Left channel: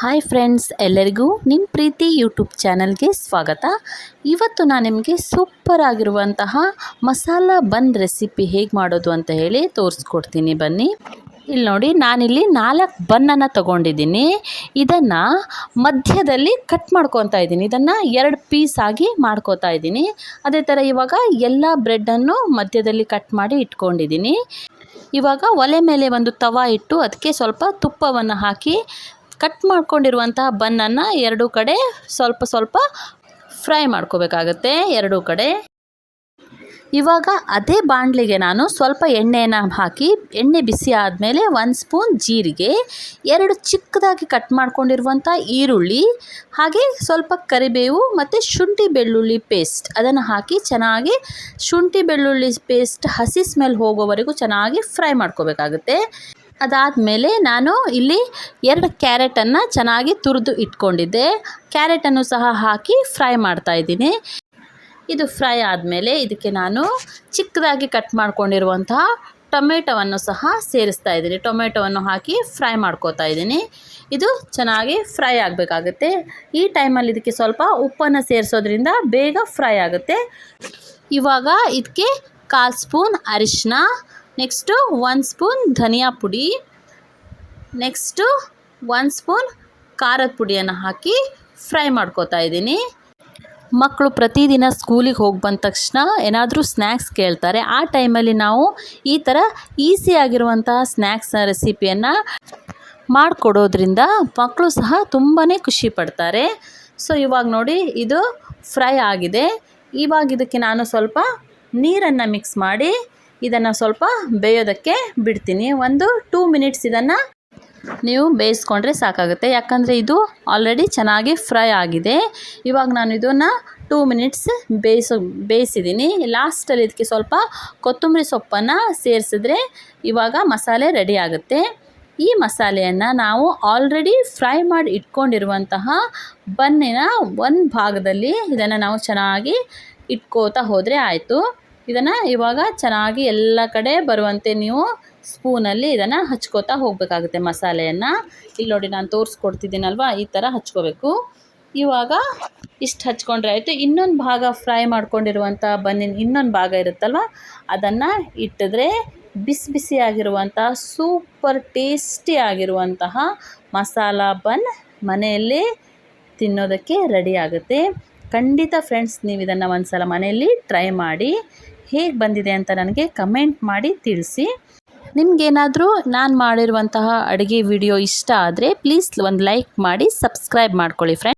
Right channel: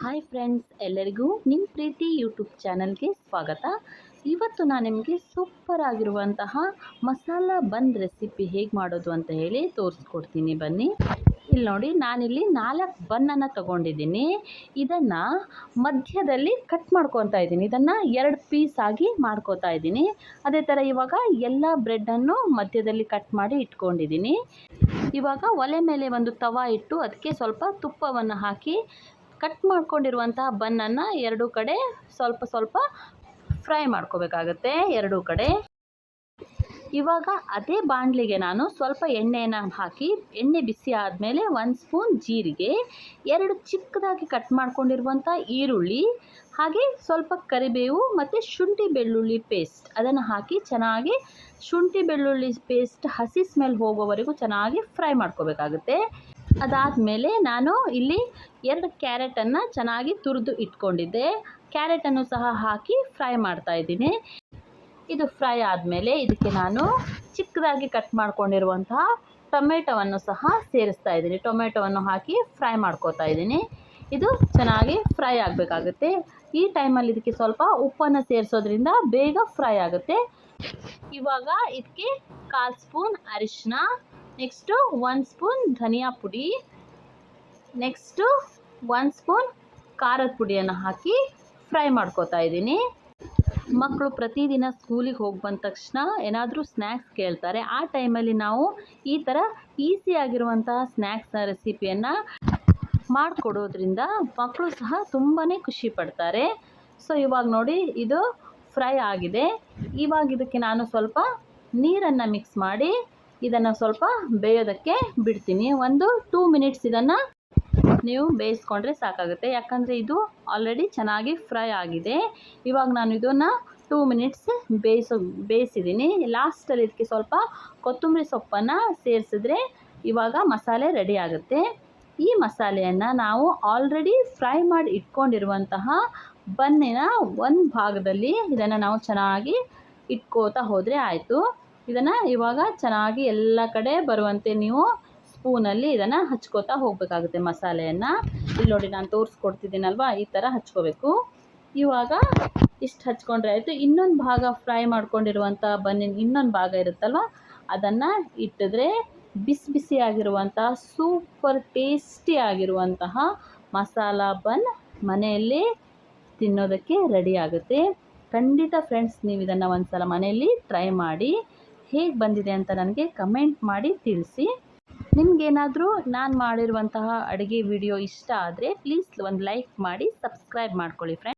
Hi friends, ಎಲ್ಲರಿಗೂ ನಿಮ್ಮ ಪ್ರೀತಿ YouTube ಚಾನಲ್ಗೆ ಸ್ವಾಗತ. ಇವತ್ತು ನಾನು ನಿಮಗೆ ಸೂಪರ್ ಆಗಿರುವಂತಹ ಮಸಾಲ ಬನ್ ರೆಸಿಪಿ ಹೇಗೆ ಮಾಡೋದು ಅಂತ ಹೇಳಿ ತೋರಿಸ್ಕೊಡ್ತೀನಿ. ಬನ್ನಿ, ಇಲ್ಲಿ ನೋಡಿ, ನಾನಿಲ್ಲಿ 4 ಬನ್ನನ್ನು ತೊಗೊಂಡಿದ್ದೀನಿ. ಇದನ್ನು ಮಧ್ಯದಲ್ಲಿ ಕಟ್ ಮಾಡ್ಕೊತಾ ಇದ್ದೀನಿ. ಇದನ್ನು 2 ಪೀಸ್ ಆಗಿ ಮಾಡ್ಕೋತಾ ಇದ್ದೀನಿ. ಅದೇ ಥರ ಇವಾಗ ಎಲ್ಲ ಬ್ರೆಡ್ಡನ್ನು ಮಧ್ಯದಲ್ಲಿ ಕಟ್ ಮಾಡಿ ಇಟ್ಕೊಂಡಿದ್ದೀನಿ. ಇವಾಗ ಒಲೆ ಮೇಲೆ ಒಂದು ತವಾ ಇಟ್ಟು ಅದಕ್ಕೆ ಸ್ವಲ್ಪ ತುಪ್ಪವನ್ನು ಹಾಕಿ ಕಟ್ ಮಾಡ್ಕೊಂಡಿರುವಂತಹ ಬನ್ನನ್ನು 2 ಕಡೆ ಸ್ವಲ್ಪ ಸ್ವಲ್ಪ ಫ್ರೈ ಮಾಡ್ಕೋಬೇಕಾಗತ್ತೆ. 2 ಕಡೆ ಇವಾಗ ಅದೇ ಬಾಣಲಿಗೆ ನಾನು ಸ್ವಲ್ಪ ಎಣ್ಣೆನ ಹಾಕಿ, ಎಣ್ಣೆ ಬಿಸಿ ಆದಮೇಲೆ 1 ಸ್ಪೂನ್ ಜೀರಿಗೆ, 2 ಚಿಕ್ಕದಾಗಿ ಕಟ್ ಮಾಡ್ಕೊಂಡಿರುವಂಥ ಈರುಳ್ಳಿ, ಹಾಗೆ ಸ್ವಲ್ಪ ಕರಿಬೇವು ಮತ್ತು ಶುಂಠಿ ಬೆಳ್ಳುಳ್ಳಿ ಪೇಸ್ಟ್ ಅದನ್ನು ಹಾಕಿ ಚೆನ್ನಾಗಿ ಶುಂಠಿ ಬೆಳ್ಳುಳ್ಳಿ ಪೇಸ್ಟ್ ಹಸಿ ಸ್ಮೆಲ್ ಹೋಗೋವರೆಗೂ ಚೆನ್ನಾಗಿ ಫ್ರೈ ಮಾಡ್ಕೋಬೇಕಾಗುತ್ತೆ. ಅದಾದಮೇಲೆ ನಾನು ಇಲ್ಲಿ 2 ಕ್ಯಾರೆಟನ್ನು ಚೆನ್ನಾಗಿ ತುರಿದು ಇಟ್ಕೊಂಡಿದ್ದೆ. ಕ್ಯಾರೆಟನ್ನು ಸಹ ಹಾಕಿ ಫ್ರೈ ಮಾಡ್ತಾಯಿದ್ದೀನಿ. ಇದು ಫ್ರೈ ಆದಮೇಲೆ ಇದಕ್ಕೆ ನಾನು ಚಿಕ್ಕದಾಗಿ ಕಟ್ ಮಾಡ್ಕೊಂಡಿರುವಂತಹ ಟೊಮೆಟೊವನ್ನು ಸಹ ಸೇರಿಸ್ತಾ ಇದ್ದೀನಿ. ಟೊಮೆಟೊವನ್ನು ಹಾಕಿ ಫ್ರೈ ಮಾಡ್ಕೋತಾ ಇದ್ದೀನಿ. ಇದು ಚೆನ್ನಾಗಿ ಫ್ರೈ ಆಗಬೇಕಾಗುತ್ತೆ. ಈ ಟೈಮಲ್ಲಿ ಇದಕ್ಕೆ ಸ್ವಲ್ಪ ಉಪ್ಪನ್ನು ಸೇರಿಸೋದ್ರಿಂದ ಬೇಗ ಫ್ರೈ ಆಗುತ್ತೆ. ಇವಾಗ ಇದಕ್ಕೆ 1/4 ಸ್ಪೂನ್ ಅರಿಶಿನ, ನೆಕ್ಸ್ಟು 1 ಸ್ಪೂನ್ ಧನಿಯಾ ಪುಡಿ, ನೆಕ್ಸ್ಟು 1 ಸ್ಪೂನ್ ಖಾರದ ಪುಡಿಯನ್ನು ಹಾಕಿ ಫ್ರೈ ಮಾಡ್ಕೋತಾ ಇದ್ದೀನಿ. ಮಕ್ಕಳು ಪ್ರತಿದಿನ ಸ್ಕೂಲಿಗೆ ಹೋಗಿ ಬಂದ ತಕ್ಷಣ ಏನಾದರೂ ಸ್ನ್ಯಾಕ್ಸ್ ಕೇಳ್ತಾರೆ. ಆ ಟೈಮಲ್ಲಿ ನಾವು ಈ ಥರ ಈಸಿಯಾಗಿರುವಂತಹ ಸ್ನ್ಯಾಕ್ಸ್ ರೆಸಿಪಿಯನ್ನು ಮಾಡಿಕೊಡೋದ್ರಿಂದ ಮಕ್ಕಳು ಸಹ ತುಂಬಾ ಖುಷಿ ಪಡ್ತಾರೆ. ಸೊ ಇವಾಗ ನೋಡಿ, ಇದು ಫ್ರೈ ಆಗಿದೆ. ಇವಾಗ ಇದಕ್ಕೆ ನಾನು ಸ್ವಲ್ಪ ನೀರನ್ನು ಮಿಕ್ಸ್ ಮಾಡಿ ಇದನ್ನು ಸ್ವಲ್ಪ ಬೇಯೋದಕ್ಕೆ ಬಿಡ್ತೀನಿ. ಒಂದು 2 ಮಿನಿಟ್ಸ್ ಇದನ್ನು ನೀವು ಬೇಯಿಸ್ಕೊಂಡ್ರೆ ಸಾಕಾಗುತ್ತೆ. ಯಾಕಂದರೆ ಇದು ಆಲ್ರೆಡಿ ಚೆನ್ನಾಗಿ ಫ್ರೈ ಆಗಿದೆ. ಇವಾಗ ನಾನು ಇದನ್ನು 2 ಮಿನಿಟ್ಸ್ ಬೇಯಿಸಿದ್ದೀನಿ. ಲಾಸ್ಟಲ್ಲಿ ಇದಕ್ಕೆ ಸ್ವಲ್ಪ ಕೊತ್ತಂಬರಿ ಸೊಪ್ಪನ್ನು ಸೇರಿಸಿದ್ರೆ ಇವಾಗ ಮಸಾಲೆ ರೆಡಿ ಆಗುತ್ತೆ. ಈ ಮಸಾಲೆಯನ್ನು ನಾವು ಆಲ್ರೆಡಿ ಫ್ರೈ ಮಾಡಿ ಇಟ್ಕೊಂಡಿರುವಂತಹ ಬನ್ನಿನ ಒಂದು ಭಾಗದಲ್ಲಿ ಇದನ್ನು ನಾವು ಚೆನ್ನಾಗಿ ಇಟ್ಕೋತಾ ಹೋದರೆ ಆಯಿತು. ಇದನ್ನು ಇವಾಗ ಚೆನ್ನಾಗಿ ಎಲ್ಲ ಕಡೆ ಬರುವಂತೆ ನೀವು ಸ್ಪೂನಲ್ಲಿ ಇದನ್ನು ಹಚ್ಕೋತಾ ಹೋಗಬೇಕಾಗುತ್ತೆ ಮಸಾಲೆಯನ್ನು. ಇಲ್ಲಿ ನೋಡಿ, ನಾನು ತೋರಿಸ್ಕೊಡ್ತಿದ್ದೀನಲ್ವ, ಈ ಥರ ಹಚ್ಕೋಬೇಕು. ಇವಾಗ ಇಷ್ಟು ಹಚ್ಕೊಂಡ್ರೆ ಆಯಿತು. ಇನ್ನೊಂದು ಭಾಗ ಫ್ರೈ ಮಾಡ್ಕೊಂಡಿರುವಂಥ ಬನ್ನಿನ ಇನ್ನೊಂದು ಭಾಗ ಇರುತ್ತಲ್ವ, ಅದನ್ನು ಇಟ್ಟಿದ್ರೆ ಬಿಸಿ ಬಿಸಿಯಾಗಿರುವಂಥ ಸೂಪರ್ ಟೇಸ್ಟಿ ಆಗಿರುವಂತಹ ಮಸಾಲ ಬನ್ ಮನೆಯಲ್ಲಿ ತಿನ್ನೋದಕ್ಕೆ ರೆಡಿ ಆಗುತ್ತೆ. ಖಂಡಿತ ಫ್ರೆಂಡ್ಸ್, ನೀವು ಇದನ್ನು ಒಂದು ಸಲ ಮನೆಯಲ್ಲಿ ಟ್ರೈ ಮಾಡಿ ಹೇಗೆ ಬಂದಿದೆ ಅಂತ ನನಗೆ ಕಮೆಂಟ್ ಮಾಡಿ ತಿಳಿಸಿ. ನಿಮಗೇನಾದರೂ ನಾನು ಮಾಡಿರುವಂತಹ ಅಡುಗೆ ವಿಡಿಯೋ ಇಷ್ಟ ಆದರೆ ಪ್ಲೀಸ್ ಒಂದು ಲೈಕ್ ಮಾಡಿ, ಸಬ್ಸ್ಕ್ರೈಬ್ ಮಾಡ್ಕೊಳ್ಳಿ ಫ್ರೆಂಡ್ಸ್.